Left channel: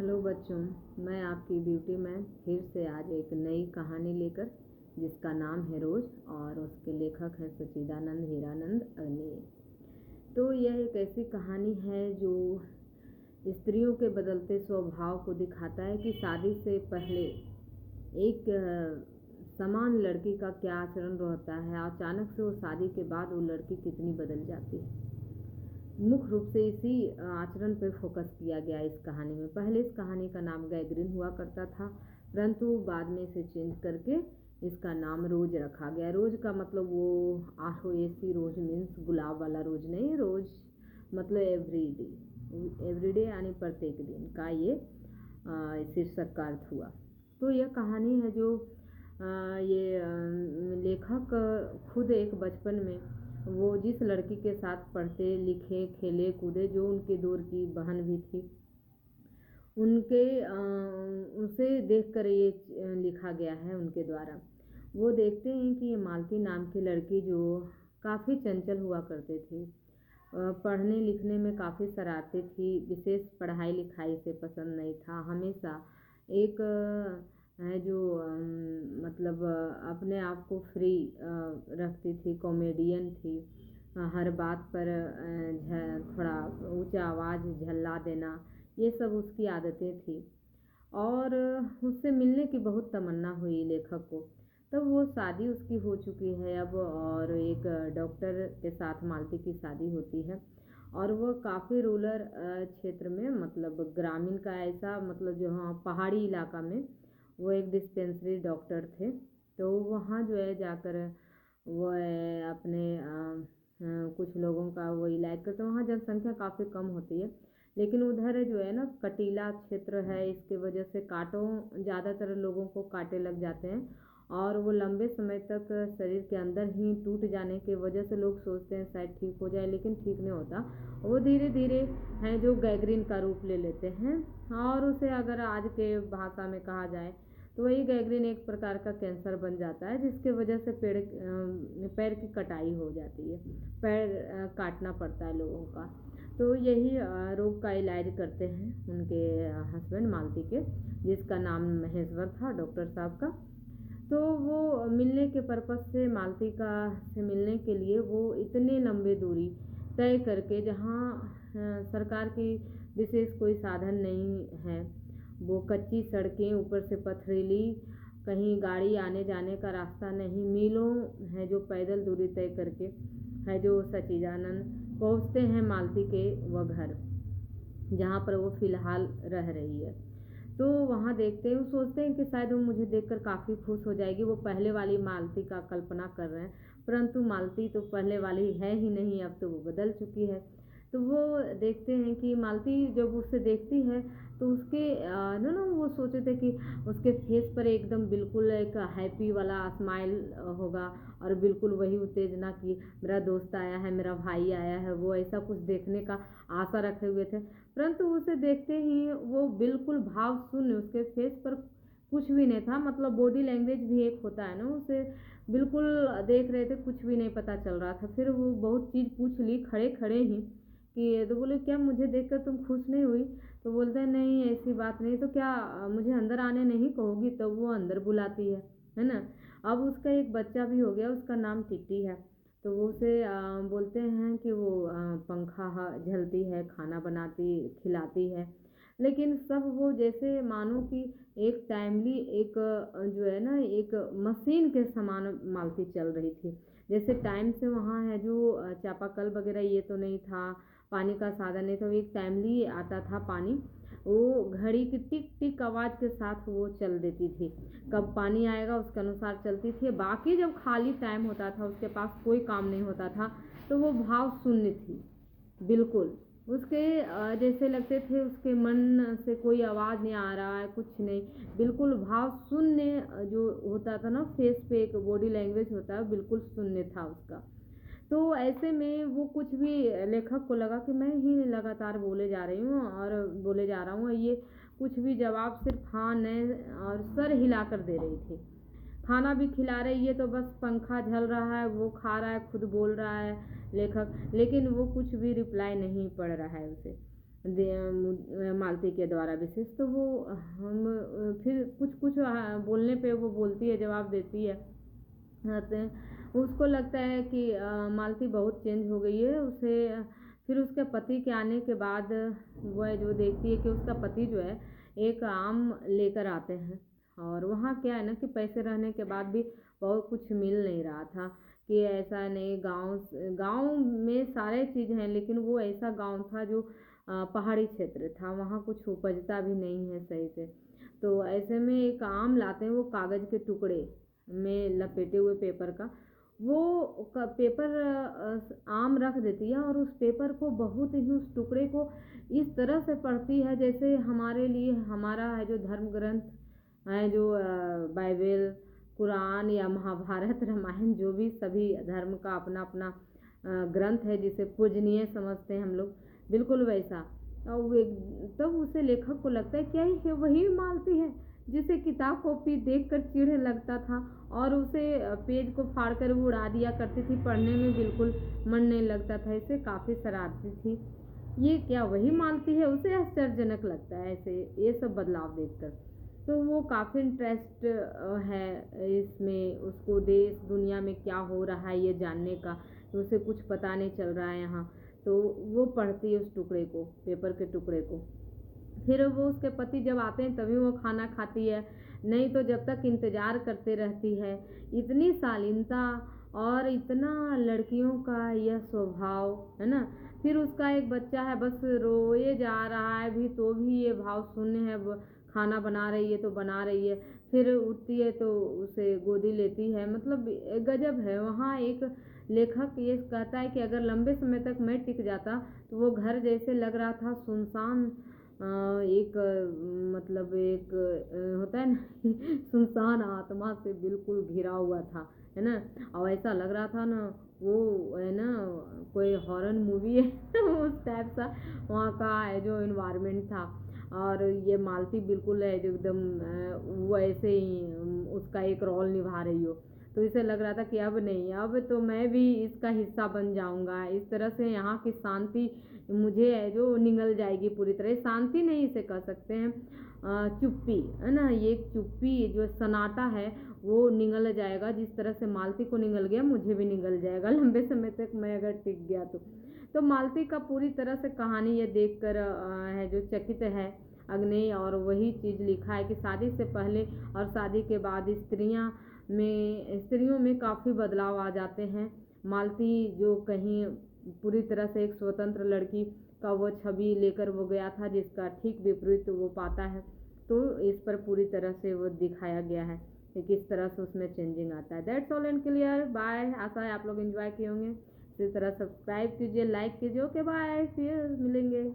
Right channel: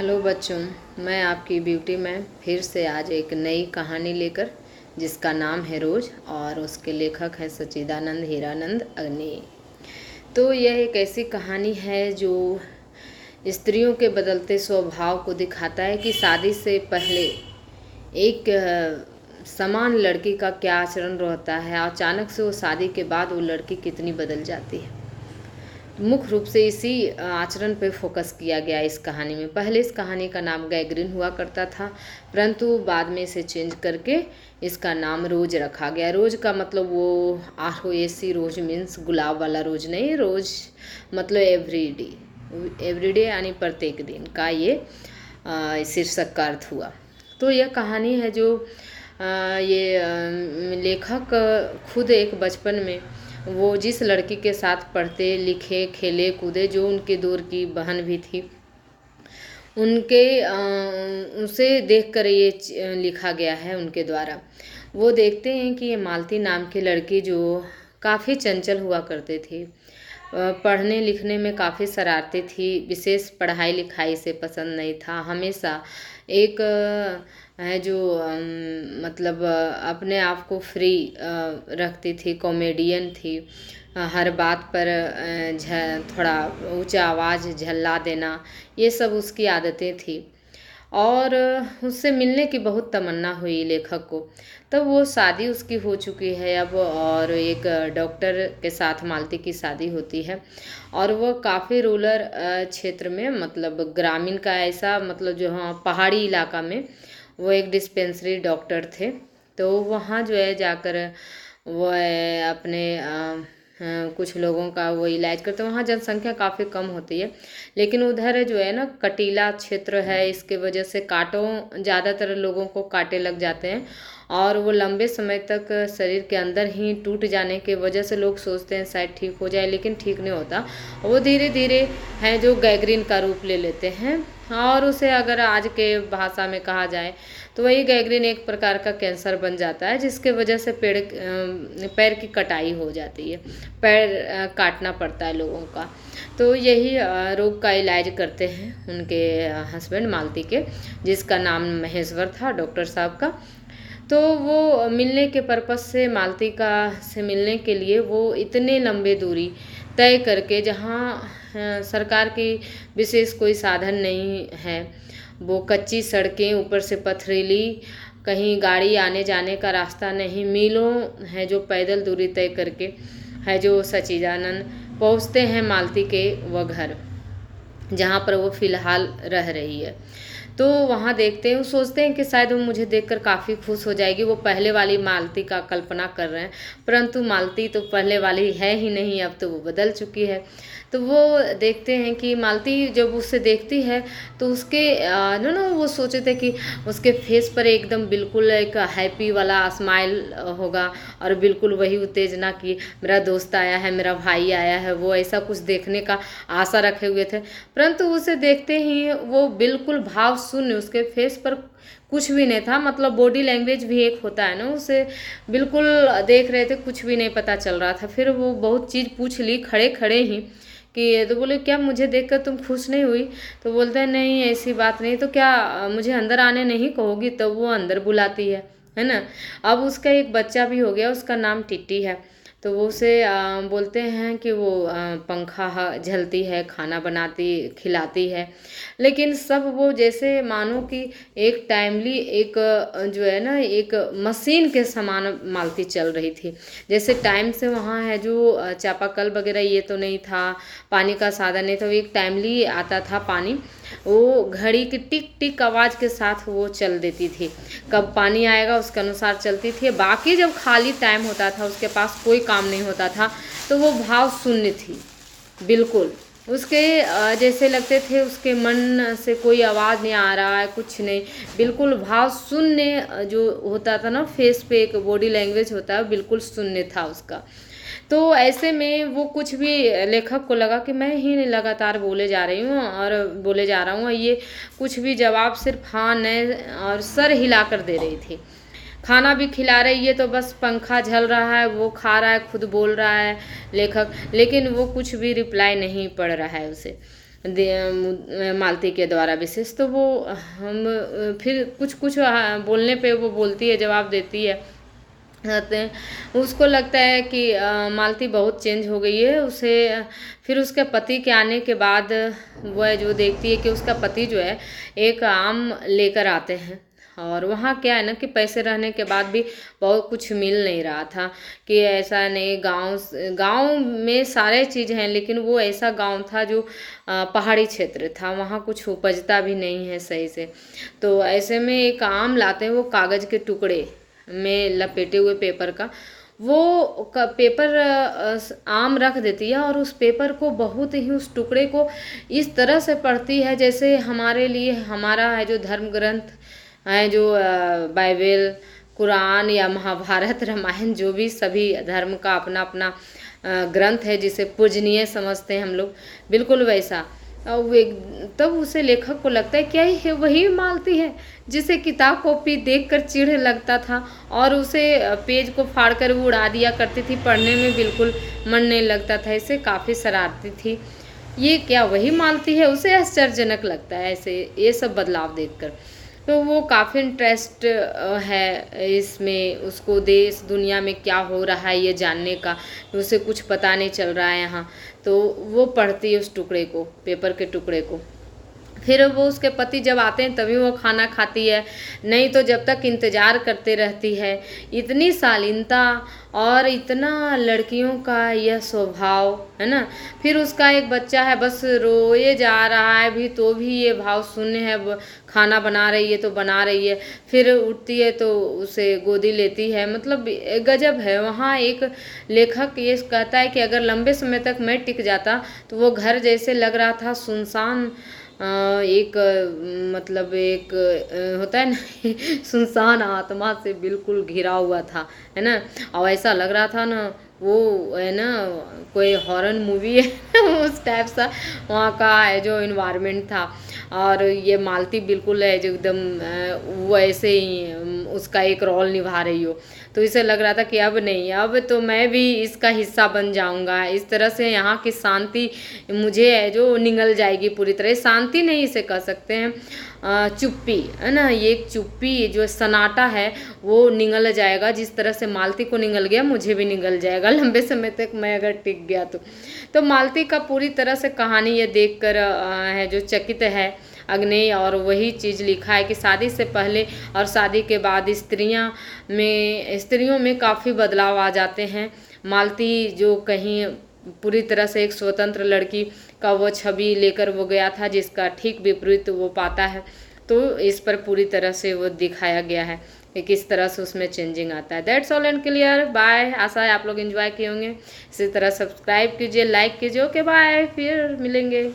Hello बच्चों, मैं आपकी ब्यूटी में फिर से आज एक नई कहानी लेकर, जिसका नाम है रोज और उसके लेखक हैं सच्चिदानंद हीरानंद अग्नि। तो यह एक ऐसी कहानी है जो स्त्रियों के बदलते स्वभाव को दिखाता है कि शादी से पहले एक समान लड़की का क्या आचरण रहता है और अचानक से वो शादी के बाद वो लड़की कितनी बदल जाती है। मुख्य रूप से इसी आचरण पर फोकस किया गया इस कहानी में। पहले इस कहानी का नाम गैगरिन हुआ करता था, परंतु बाद में इसे चेंज करके इसका नाम रोज रखा गया। रोज का मतलब वो ROAC, रोज मीन्स गुलाब वाला रोज नहीं, रोज मतलब एवरीडे, एवरीडे यानी प्रत्येक दिन का ये शीर्षक का अर्थ हुआ। तो यह कहानी है जो लेखक खुद एक बचपन में वो जिस लड़की के साथ पढ़ते लिखे खेले कूदे, जो उनके दूर की बहन भी थी, उनके उसे देखकर ये लिखा गया है उनके द्वारा। वो देखते हैं कि ये मालती नाम की लड़की जो काफ़ी चंचल हुआ करते थे, पढ़ने लिखने में काफ़ी शरारती थी, विशेष पढ़ाई लिखाई से पसंद नहीं था, हमेशा एक है जो मतलब अपने आप को फ्री रखती थी, कॉमेडियन थी, हर बात पर थोड़ा ऊंचा आवाज़ झल्ला देना, ये सब उसकी आदतें थी। और उससे मिलने की बहुत तमन्ना हुई लेखक को। तब वो शादी उसकी हो चुकी है अब, और एक डॉक्टर के साथ मालती की शादी होती है। और वो काफ़ी रूरल क्षेत्र में, मतलब ग्रामीण का ऐसा, मतलब जो हाँ पहाड़ी इलाका में वो एक डिस्पेंसरी डॉक्टर थे। तो वहाँ जो है जाकर वो अपने कुछ लोगों का वो इलाज करते हैं। वहाँ जनसंख्या काफ़ी कम होती है, लेकिन उधर जो है ना कटीला क्षेत्र है, इसके वजह से कांटों, ज़्यादातर लोगों को कांटे लग जाते हैं और वो लंबे समय तक शरीर के अंदर ही टूट जाने की वजह से लोग सोचते हैं शायद ठीक हो जाए, लेकिन ठीक नहीं होता। वो धीरे धीरे है जो गैग्रीन का रूप ले लेते हैं, और उसे अगर आज के भाषा में कहा जाए तो वही गैग्रीन एक प्रकार का कैंसर बन जाता है, जिसके वजह से पैर की कटाई हो जाती है, पैर काटना पड़ता है लोगों का। तो यही रोग का इलाज करते हैं उनके हस्बैंड मालती के, जिसका नाम महेश्वर था डॉक्टर साहब का। तो वो मिलने के पर्पस से मालती का से मिलने के लिए वो इतने लंबे दूरी तय करके, जहाँ सरकार की विशेष कोई साधन नहीं है, वो कच्ची सड़कें, ऊपर से पथरीली, कहीं गाड़ी आने जाने का रास्ता नहीं, मीलों है जो पैदल दूरी तय करके है जो सच्चिदानंद पहुँचते हैं मालती के वह घर, जहाँ पर वो फ़िलहाल रह रही है। तो वहाँ देखते हैं, वो सोचते हैं कि शायद वो मुझे देखकर काफ़ी खुश हो जाएगी, वो पहले वाली मालती का कल्पना कर रहे हैं, परंतु मालती तो पहले वाली है ही नहीं, अब तो वो बदल चुकी है। तो वो देखते हैं कि मालती जब उसे देखती है तो उसके ना वो सोचे थे कि उसके फेस पर एकदम बिल्कुल एक हैप्पी वाला स्माइल होगा, और बिल्कुल वही उत्तेजना की मेरा दोस्त आया है, मेरा भाई आया है, वो ऐसा कुछ देखने का आशा रखे हुए थे। परंतु उसे देखते ही वो बिल्कुल भाव शून्य, उसके फेस पर कुछ भी नहीं था, मतलब बॉडी लैंग्वेज भी एक होता है ना, उसे बिल्कुल देख रहे थे, कुछ भी नहीं पता चल रहा था। फिर वो बहुत चीज़ पूछ ली खड़े खड़े ही कि, तो बोले क्या मुझे देखकर तुम खुश नहीं हुई? तो बोलता है नहीं ऐसी बात नहीं, तो क्या मुझे अंदर आने नहीं कहोगी? तो वो अंदर बुलाती है ना। अब उसका एक बच्चा भी हो गया, उसका नाम टिट्टी है। तो वो उसे बोलते हैं कि वो पंखा झलती है, खाना बनाती खिलाती है, लेकिन सब वो जैसे मानो कि एक टाइमली एक जो है ना एक मशीन के समान मालती चल रही थी। जैसे टाइम से वहाँ है जो चापाकल वगैरह ये तो नहीं था, पानी का साधन नहीं था, वो एक टाइमली आता था पानी, वो घड़ी की टिक टिक आवाज़ के साथ वो चल देती थी, कब पानी आएगा उसके अनुसार चलती थी। बाकी जब खाली टाइम होता था, उसके पास कोई काम नहीं होता था, तो वो भाव शून्य थी बिल्कुल। उसके जैसे लगते थे उसके मन से कोई आवाज़ नहीं आ रहा है, कुछ नहीं, बिल्कुल भाव शून्य जो होता था ना, फेस पे एक बॉडी लैंग्वेज होता है, बिल्कुल शून्य था उसका। तो ऐसे में वो कुछ भी, लेखक को लगा कि मैं ही लगातार बोले जा रही हूँ और बोले जा रहा हूँ, ये कुछ भी जवाब सिर्फ हाँ नहीं और सर हिला कर दे रही थी। खाना भी खिला रही है तो बस पंखा झल रहा है, वो खा रहा है, खुद बोल रहा है लेखक, लेकिन वो कुछ भी रिप्लाई नहीं पड़ रहा है उसे। मालती के द्वारा विशेष। तो वो हम फिर कुछ कुछ बोलने पे वो बोलती है, जवाब देती है। आते हैं उसको लगता है कि मालती बहुत चेंज हो गई है उसे। फिर उसके पति के आने के बाद वह जो देखती है कि उसका पति जो है एक आम लेकर आते हैं, और वहाँ क्या है ना कि पैसे रहने के बाद भी बहुत कुछ मिल नहीं रहा था। कि ऐसा नहीं, गांव में सारे चीज़ हैं, लेकिन वो ऐसा गांव था जो पहाड़ी क्षेत्र था, वहाँ कुछ उपजता भी नहीं है सही से। तो ऐसे में एक आम लाते हैं, वो कागज़ के टुकड़े में लपेटे हुए पेपर का, वो पेपर आम रख देती है, और उस पेपर को बहुत ही, उस टुकड़े को इस तरह से पढ़ती है जैसे हमारे लिए हमारा है जो धर्म ग्रंथ है, जो बाइबल, कुरान या महाभारत, रामायण, जो भी सभी धर्म का अपना अपना ग्रंथ है जिसे पूजनीय समझते हैं हम लोग, बिल्कुल वैसा। और वो तब उसे लेखक को लगता है क्या ये वही मालती है जिसे किताब कॉपी देखकर चिढ़ लगता था, और उसे पेज को फाड़ कर वो उड़ा दिया करती थी, पढ़ने में बिल्कुल मन नहीं लगता था, इसे काफ़ी शरारती थी। ये क्या वही मालती है, उसे आश्चर्यजनक लगता है ऐसे ये सब बदलाव देखकर। तो वो काफ़ी इंटरेस्ट है इसमें, उसको देश दुनिया में क्या हो रहा है ये जानने का, उसे कुछ पता नहीं चल रहा है यहाँ। तो वो पढ़ती है उस टुकड़े को, पेपर के टुकड़े को। फिर वो उसके पति जब आते हैं तभी वो खाना खाती है, नहीं तो जब तक इंतज़ार करते रहती है। इतनी शालीनता और इतना लड़कियों का यह स्वभाव है ना। फिर उसका एक बच्चा है, बस रोए जा रहा है भी, तो भी ये भाव शून्य है, खाना बना रही है तो बना रही है, फिर उठती है तो उसे गोदी लेती है। मतलब गजब है। वहाँ एक लेखक ये कहता है कि अगर लंबे समय तक मैं टिक जाता तो वो घर जैसे लग रहा था सुनसान, एक मतलब एक होता है ना सुनसान आत्मा से बिल्कुल घिरा हुआ था, है ना। और ऐसा लग रहा था ना वो है ना कोई हॉरर मूवी है उस टाइप सा वहाँ का है जो इन्वायरमेंट था। और ये मालती बिल्कुल है जो एकदम वो ऐसे ही उसका एक रोल निभा रही हो। तो इसे लग रहा था कि अब नहीं, अब तो मैं भी इसका हिस्सा बन जाऊंगा, इस तरह से यहाँ की शांति मुझे है जो निगल जाएगी पूरी तरह। शांति नहीं इसे कह सकते हैं, चुप्पी है ना, ये एक चुप्पी जो सन्नाटा है वो निगल जाएगा। जिस तरह से मालती को निगल गया मुझे भी निगल जाएगा लंबे समय तक मैं अगर टिक गया तो मालती का पूरी तरह से कहानी ये देखकर है जो चकित है अग्नेय। और वही चीज़ लिखा है कि शादी से पहले और शादी के बाद स्त्रियों में काफ़ी बदलाव आ जाते हैं। मालती जो कहीं पूरी तरह से एक स्वतंत्र लड़की का वो छवि लेकर वो गया था, जिसका ठीक विपरीत वो पाता है। तो इस पर पूरी तरह से वो दिखाया गया है कि किस तरह से उसमें चेंजिंग आता है। That's all and clear. Bye. आशा है आप लोग एंजॉय किए होंगे। इसी तरह सब्सक्राइब कीजिए, लाइक कीजिए। ओके बाय, फिर मिलेंगे।